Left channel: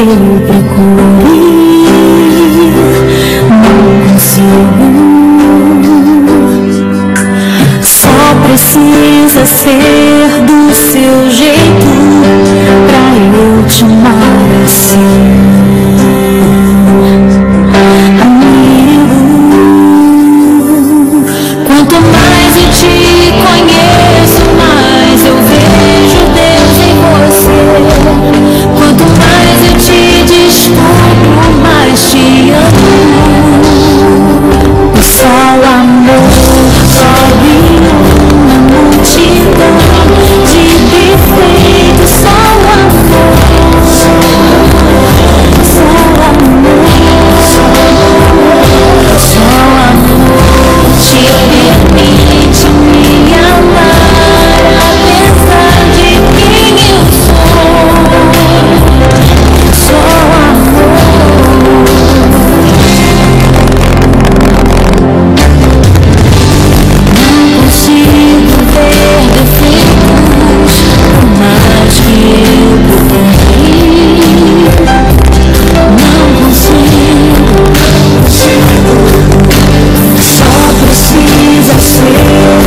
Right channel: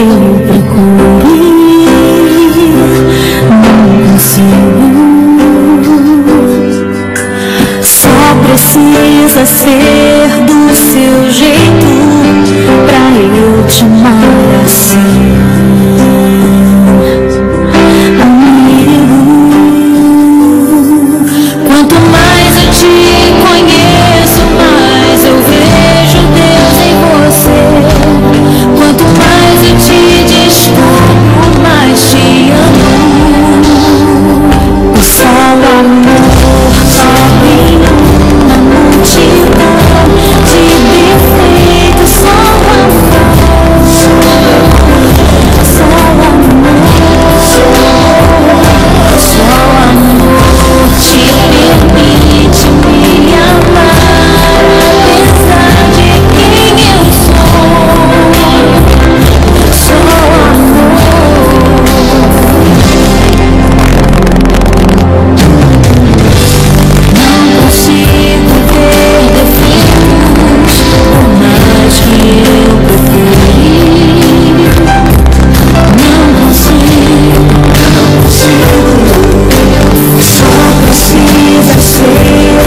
eu procure, não consigo. Só precisa ser do seu jeito pra eu te amar assim. Quanto mais eu te conheço, mais eu vejo Deus em você. Quanto mais eu te descubro, mais te amo. Só o amor cobre uma multidão de defeitos. Só o amor, só o amor, só o amor te permite me amar, apesar de quem eu sou. Só o amor. Não consigo ver defeitos, por mais que eu procure. Não consigo. Só precisa ser